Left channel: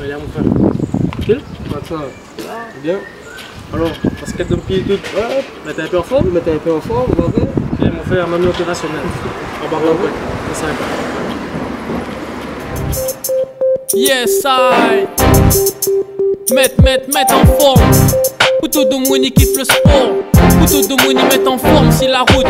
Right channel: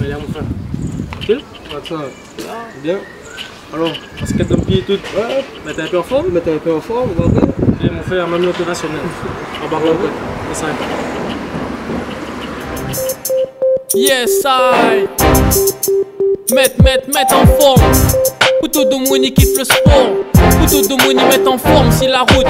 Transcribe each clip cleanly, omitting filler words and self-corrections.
Ouais, là, mon frère. Tranquille? Ça, bien. Alors, basket d'un pied et tout. Ouais. Mais t'es un peu en forme? Mais t'es un peu en forme, on va bien. Et mon frère, même l'opérationnel. En barre de ça pas. Yes, I. Mettre en forme. Couteau de Mouni kiffe le sport. Couteau de Mouni met en forme si la route.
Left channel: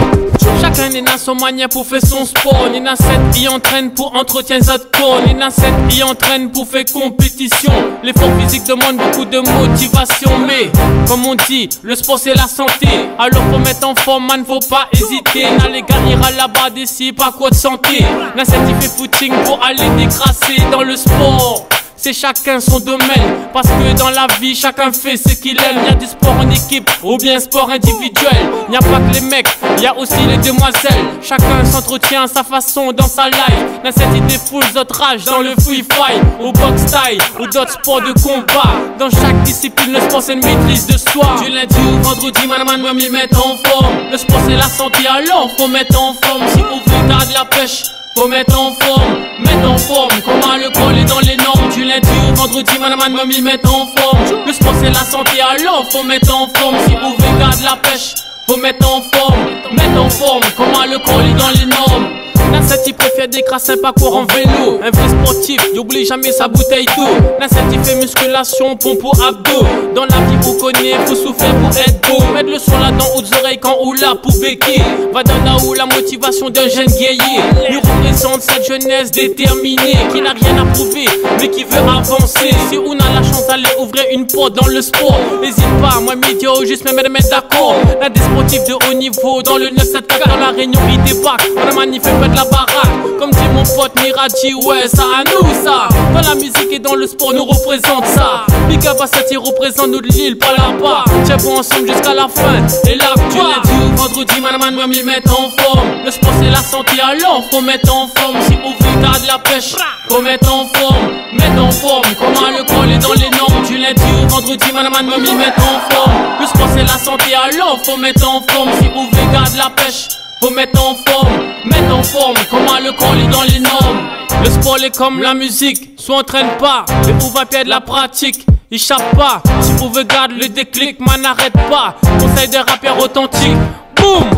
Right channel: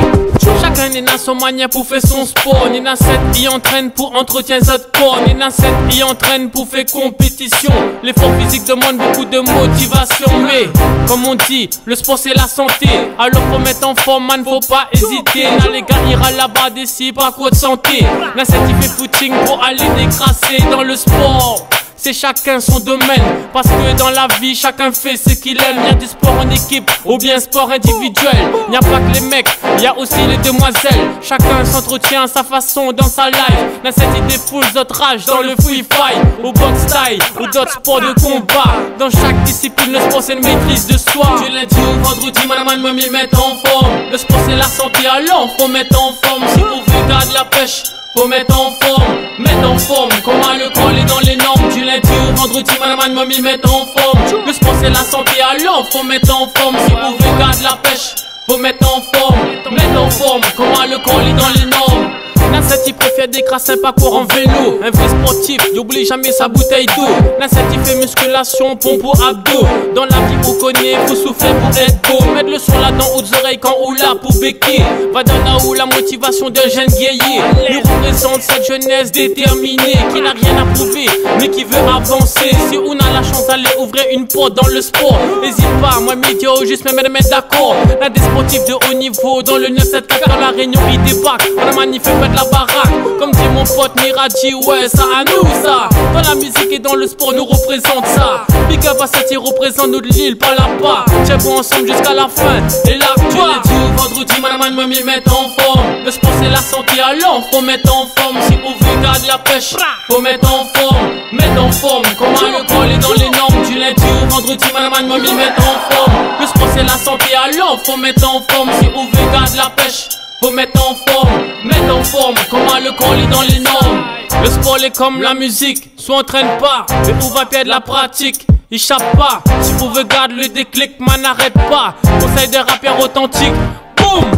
Chacun est dans son manière pour faire son sport. Nina 7 y entraîne pour entretien sa corps. Nina 7 y entraîne pour faire compétition. L'effort physique demande beaucoup de motivation. Mais comme on dit, le sport c'est la santé. Alors faut mettre en forme, man, faut pas hésiter. Na les gars ira là-bas d'ici, pas quoi de santé. Na 7 il fait footing pour aller dégrasser dans le sport. C'est chacun son domaine, parce que dans la vie, chacun fait ce qu'il aime. Y'a du sport en équipe, ou bien sport individuel. Y'a pas que les mecs, y'a aussi les demoiselles. Chacun s'entretient à sa façon dans sa life. N'a cette idée full d'autres rage dans le free fight, au box style, ou d'autres sports de combat. Dans chaque discipline, le sport c'est une maîtrise de soi. Du lundi au vendredi, man, moi m'y mettre en forme. Le sport c'est la santé, alors faut mettre en forme. Si on veut garder la pêche, faut mettre en forme, comment le col est dans les normes. Du lundi au vendredi, man, moi m'y mettre en forme. Le sport c'est la santé, alors faut mettre en forme. Si on veut garder la pêche, faut mettre en forme, comment le col est dans les normes. Nasset il préfère décrasser un parcours en vélo. Un vrai sportif, il oublie jamais sa bouteille d'eau. Nasset il fait musculation, pompe ou abdos. Dans la vie on connaît, faut souffrir pour être beau. Mettre le son là dans aux oreilles quand on l'a pour béquer. Va dans là où la motivation d'un jeune guerrier. Il représente cette jeunesse déterminée qui n'a rien à prouver, mais qui veut avancer. Si on a la chance d'aller ouvrir une porte dans le sport, n'hésite pas, moi média ou juste même me mettre d'accord. Là des sportifs de haut niveau dans le 974 dans la Réunion ils débarquent. On a manifesté la baraque, comme dit mon pote Miraji, ouais ça à nous ça. Dans la musique et dans le sport nous représente ça. Big up à cette représente nous de l'île par là-bas. Tiens bon ensemble jusqu'à la fin. Et là quoi? Du lundi au vendredi, man, moi m'y mettre en forme. Le sport c'est la santé, alors faut mettre en forme. Si on veut garder la pêche, faut mettre en forme, comment le col est dans les normes. Du lundi au vendredi, man, moi m'y mettre en forme. Le sport c'est la santé, alors faut mettre en forme. Si on veut garder la pêche, faut mettre en forme, comment le col est dans les normes. Le sport est comme la musique, soit entraîne pas, mais on va perdre la pratique. Échappe pas, si on veut garder le déclic, man n'arrête pas. Conseil des rappeurs authentiques, boum.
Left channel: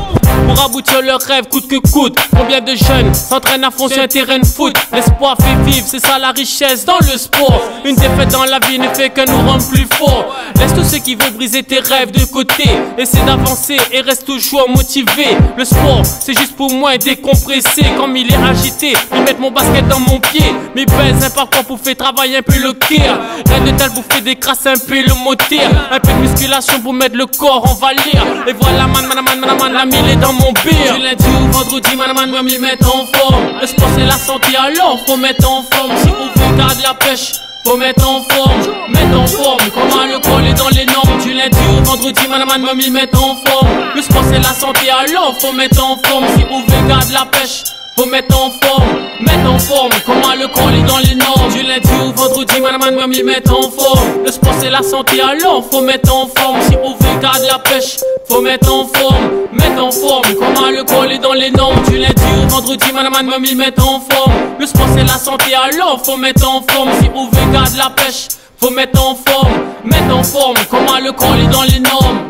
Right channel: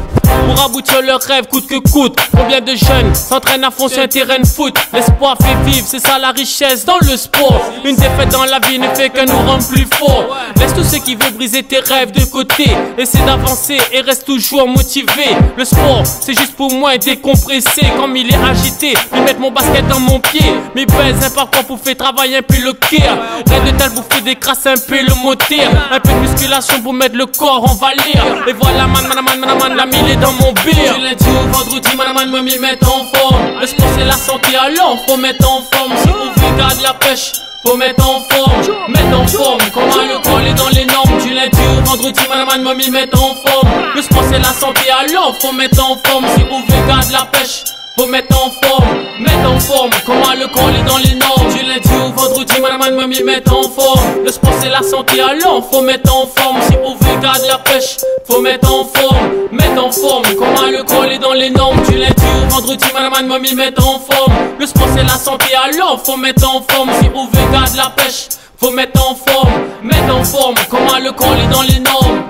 Pour aboutir leur rêve coûte que coûte. Combien de jeunes s'entraînent à fond sur un terrain de foot. L'espoir fait vivre, c'est ça la richesse dans le sport. Une défaite dans la vie ne fait que nous rendre plus forts. Laisse tous ceux qui veulent briser tes rêves de côté. Essaie d'avancer et reste toujours motivé. Le sport c'est juste pour moi décompresser. Comme il est agité, il met mon basket dans mon pied. Mais baise un parcours pour faire travailler un peu le cœur. Rien de tel pour faire décrasser un peu le moteur. Un peu de musculation pour mettre le corps en valeur. Et voilà man, la mille est dans mon beer. Du lundi au vendredi, man, moi m'y mettre en forme. Le sport c'est la santé, alors faut mettre en forme. Si on veut garder la pêche, faut mettre en forme, comment le col est dans les normes. Du lundi au vendredi, man, moi m'y mettre en forme. Le sport c'est la santé, alors faut mettre en forme. Si on veut garder la pêche, faut mettre en forme, comment le col est dans les normes. Du lundi au vendredi, man, moi m'y mettre en forme. Le sport c'est la santé, alors faut mettre en forme. Si on veut garder la pêche, faut mettre en forme, comment le col est dans les normes. Du lundi au vendredi, man, moi m'y mettre en forme. Le sport c'est la santé, alors faut mettre en forme. Si on veut garder la pêche, faut mettre en forme, comment le col est dans les normes.